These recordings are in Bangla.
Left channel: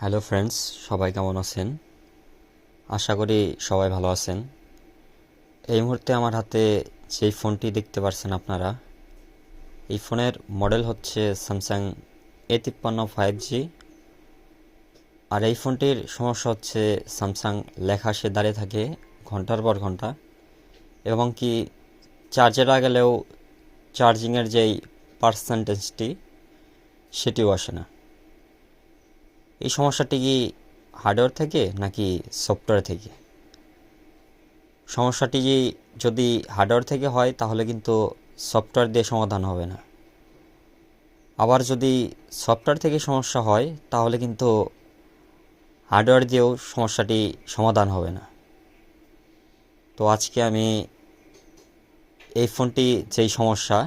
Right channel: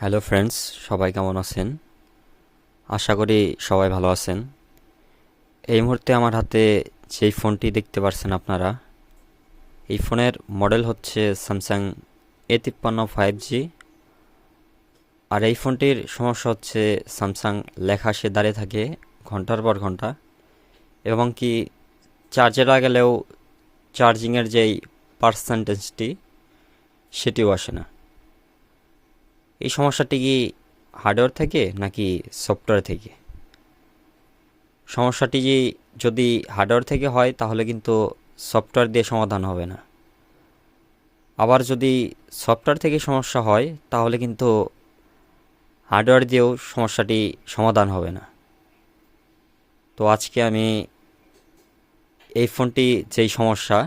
হ্যালো ফ্রেন্ডস, সবাই কেমন আছেন? আশা করি সবাই ভালো আছেন। এই মুহূর্তে আমার হাতে যেই ফোনটি দেখতে পাচ্ছেন আপনারা, এই ফোনের মডেল হচ্ছে স্যামসাং A53 5G। আর এই ফোনটির সমস্যা হচ্ছে স্যামসাং লেখা সে দাঁড়িয়ে থাকে ঘন্টার পর ঘন্টা, এবং কি চার্জে লাগালেও চার্জিংয়ের যেই পার্সেন্টেজটি সেটিও আসে না। এই সমস্যাটি কি হার্ডওয়্যার থেকে নাকি সফটওয়্যার থেকে? সমস্যাটি যদি হার্ডওয়্যার থেকে হয় তাহলে কিন্তু সফটওয়্যার দিয়ে সমাধান হবে না। আবার যদি সফটওয়্যার থেকে সমস্যা হয় তাহলে কিন্তু হার্ডওয়্যার দিয়েও সমস্যাটি সমাধান হবে না। তো আজকে আমি এই ফোনটি যেই সমস্যা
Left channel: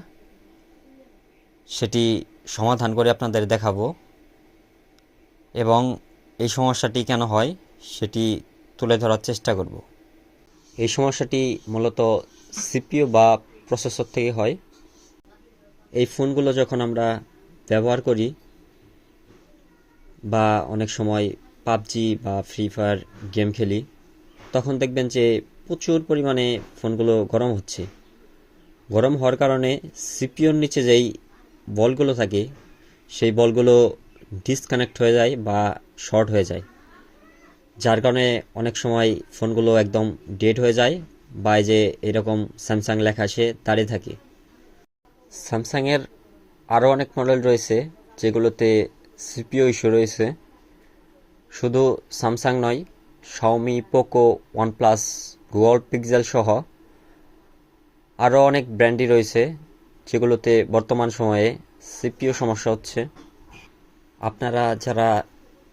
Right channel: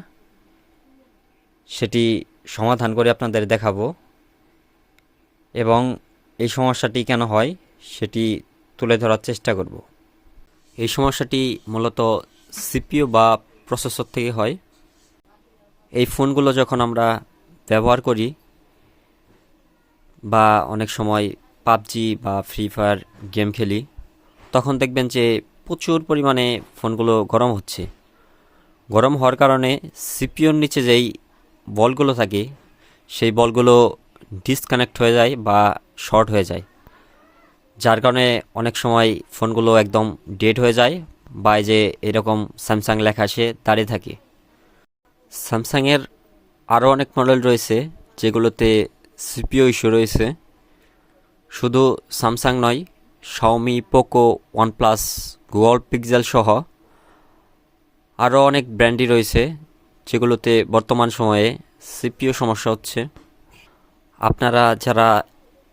সেটি সমাধান করে আপনাদের দেখাবো, এবং এই সমস্যাটি কেন হয় সেটি তুলে ধরার চেষ্টা করব। এই সমস্যাটি মূলত সিপিইউ বা প্রসেসর থেকে হয়। এই ফোনগুলো যখন আমরা ব্যবহার করি বা অনেক সময় পাবজি বা ফ্রি ফায়ার গেম খেলি, তখন দেখবেন যে প্রচুর পরিমাণে ফোনগুলো গরম হচ্ছে। গরম হওয়ার কারণে সিপিইউর নিচে যেই বলগুলো থাকে সেই বলগুলো ডিসকানেক্ট হয়ে যায় বা শর্ট হয়ে যায়, যার কারণে অনেক সময় ফোনগুলো একদম ডেড হয়ে যায় বা এই যে এরকম স্যামসাং লেখা সে দাঁড়িয়ে থাকে। স্যামসাংয়ের আরও অনেক মডেল রয়েছে যেগুলোতে সিপিইউ ইস্যু রয়েছে। শুধু স্যামসাং নয়, Xiaomi, Poco, OnePlus, Google pixel সহ আরও অনেক ব্র্যান্ডই রয়েছে যেগুলোতে বর্তমান সময়ে সিপিইউ সমস্যা হচ্ছে। আপনারা যারা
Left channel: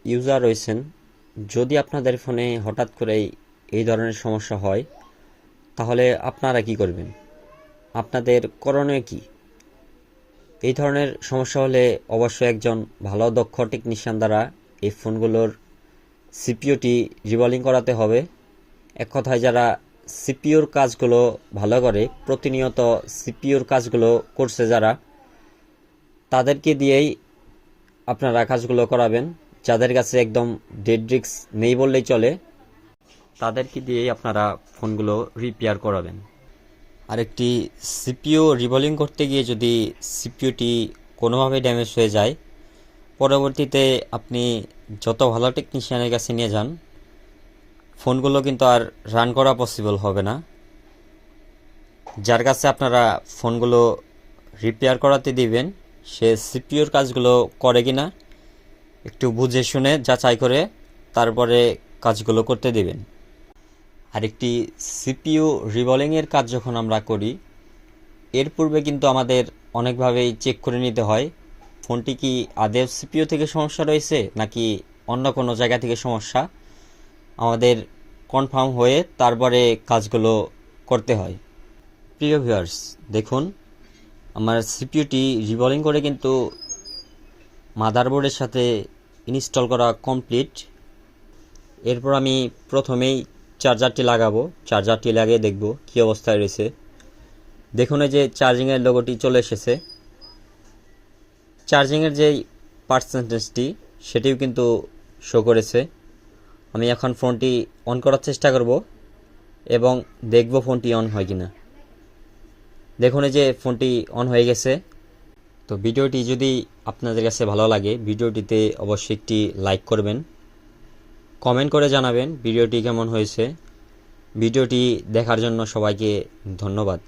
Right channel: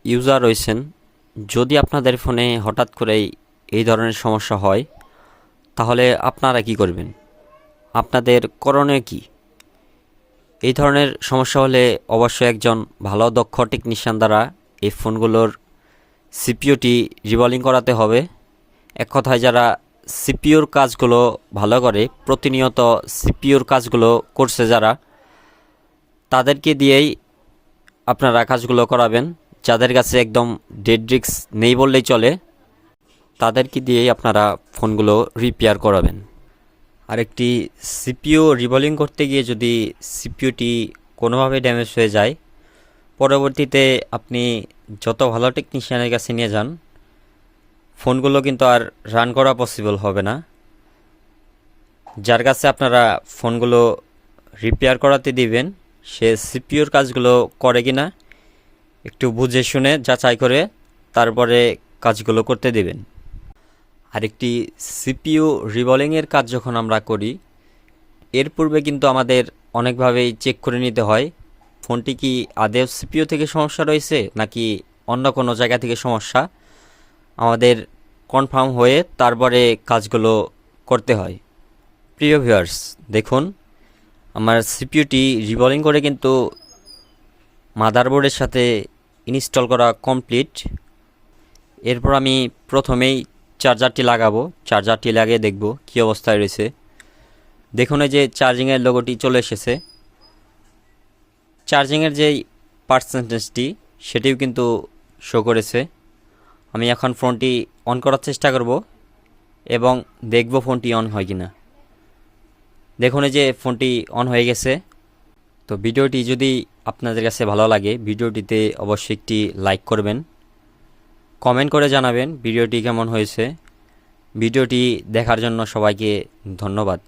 ইউজার রয়েছেন, যদি আপনাদের ফোনে হঠাৎ করেই এই ধরনের সমস্যা হয় তাহলে আপনারা কি করবেন? আপনাদের করণীয় কি? এই ধরনের সমস্যা হলে অবশ্যই একজন ভালো দক্ষ টেকনিশিয়ান দ্বারা এই ফোনগুলোর সিপিইউটি রিবলিং করাতে হবে। এক কথায় যারা সিপিইউর কাজগুলো ভালো করে, প্রতিনিয়ত সিপিইউর কাজগুলো করছে যারা, তাদেরকে দিয়েই আপনারা কাজগুলো করাবেন। যাদের কাছে একদম ডেড রিস্ক নেই বললেই চলে, তাদেরকে দিয়েই আপনারা ফোনগুলো রিপেয়ার করাবেন। আরেকটি, সিপিইউ রিবলিং করতে গিয়ে যদি সিপিইউটি কোনোভাবে ড্যামেজ হয়ে যায়, পরবর্তীতে আপনি যত ভালো টেকনিশিয়ানের কাছে নিয়ে যান, ফোনগুলো কিন্তু আর রান করা পসিবল হবে না। যার কাছে আপনারা ফোনগুলো রিপেয়ার করাতে দিবেন, সে সিপিইউর কাজগুলো করে কিনা একটু বুঝে শুনে যাচাই করে তারপরে কাজগুলো করতে দিবেন। আরেকটি, সিপিইউ রিবলিংয়ের কাজ যখন আমরা করি, এর পূর্বে কিন্তু আমাদের অনেকভাবেই চেক করে নিতে হয় ফোনটি কি আদৌ সিপিইউ থেকে সমস্যা রয়েছে নাকি অন্য কোনো জায়গা থেকে সমস্যা। আমাদের কনফার্ম হয়ে তারপরে কাজগুলো করতে হয়। প্রিয় ভিউয়ার্স, দেখুন আমার সিপিইউটি রিবলিং করে কিন্তু মাদারবোর্ডের সাথে ইনস্টল করা কমপ্লিট। এরপর আমি প্রথমেই চার্জারটি লাগাবো। চার্জারটি লাগিয়ে দেখব কী অবস্থায় রয়েছে। দেখুন এই যে চার্জিংয়ের লোগোটি চলে এসেছে। চার্জিংয়ের যেই পার্সেন্টেজটি সেটিও কিন্তু শো করেছে। আমি এখন ফোনটি অন করার চেষ্টা করব এবং দেখব ফোনটি অন হয় কিনা। দেখুন এই যে ফোনটি অন হয়ে গেছে। তো ভিডিওটি যদি আপনাদের কাছে ভালো লাগে, ভিডিওটিতে অবশ্যই একটি লাইক করবেন, কমেন্ট করে জানাবেন ভিডিওটি কেমন হয়েছে। ভিডিওটি দেখার জন্য সবাইকে ধন্যবাদ।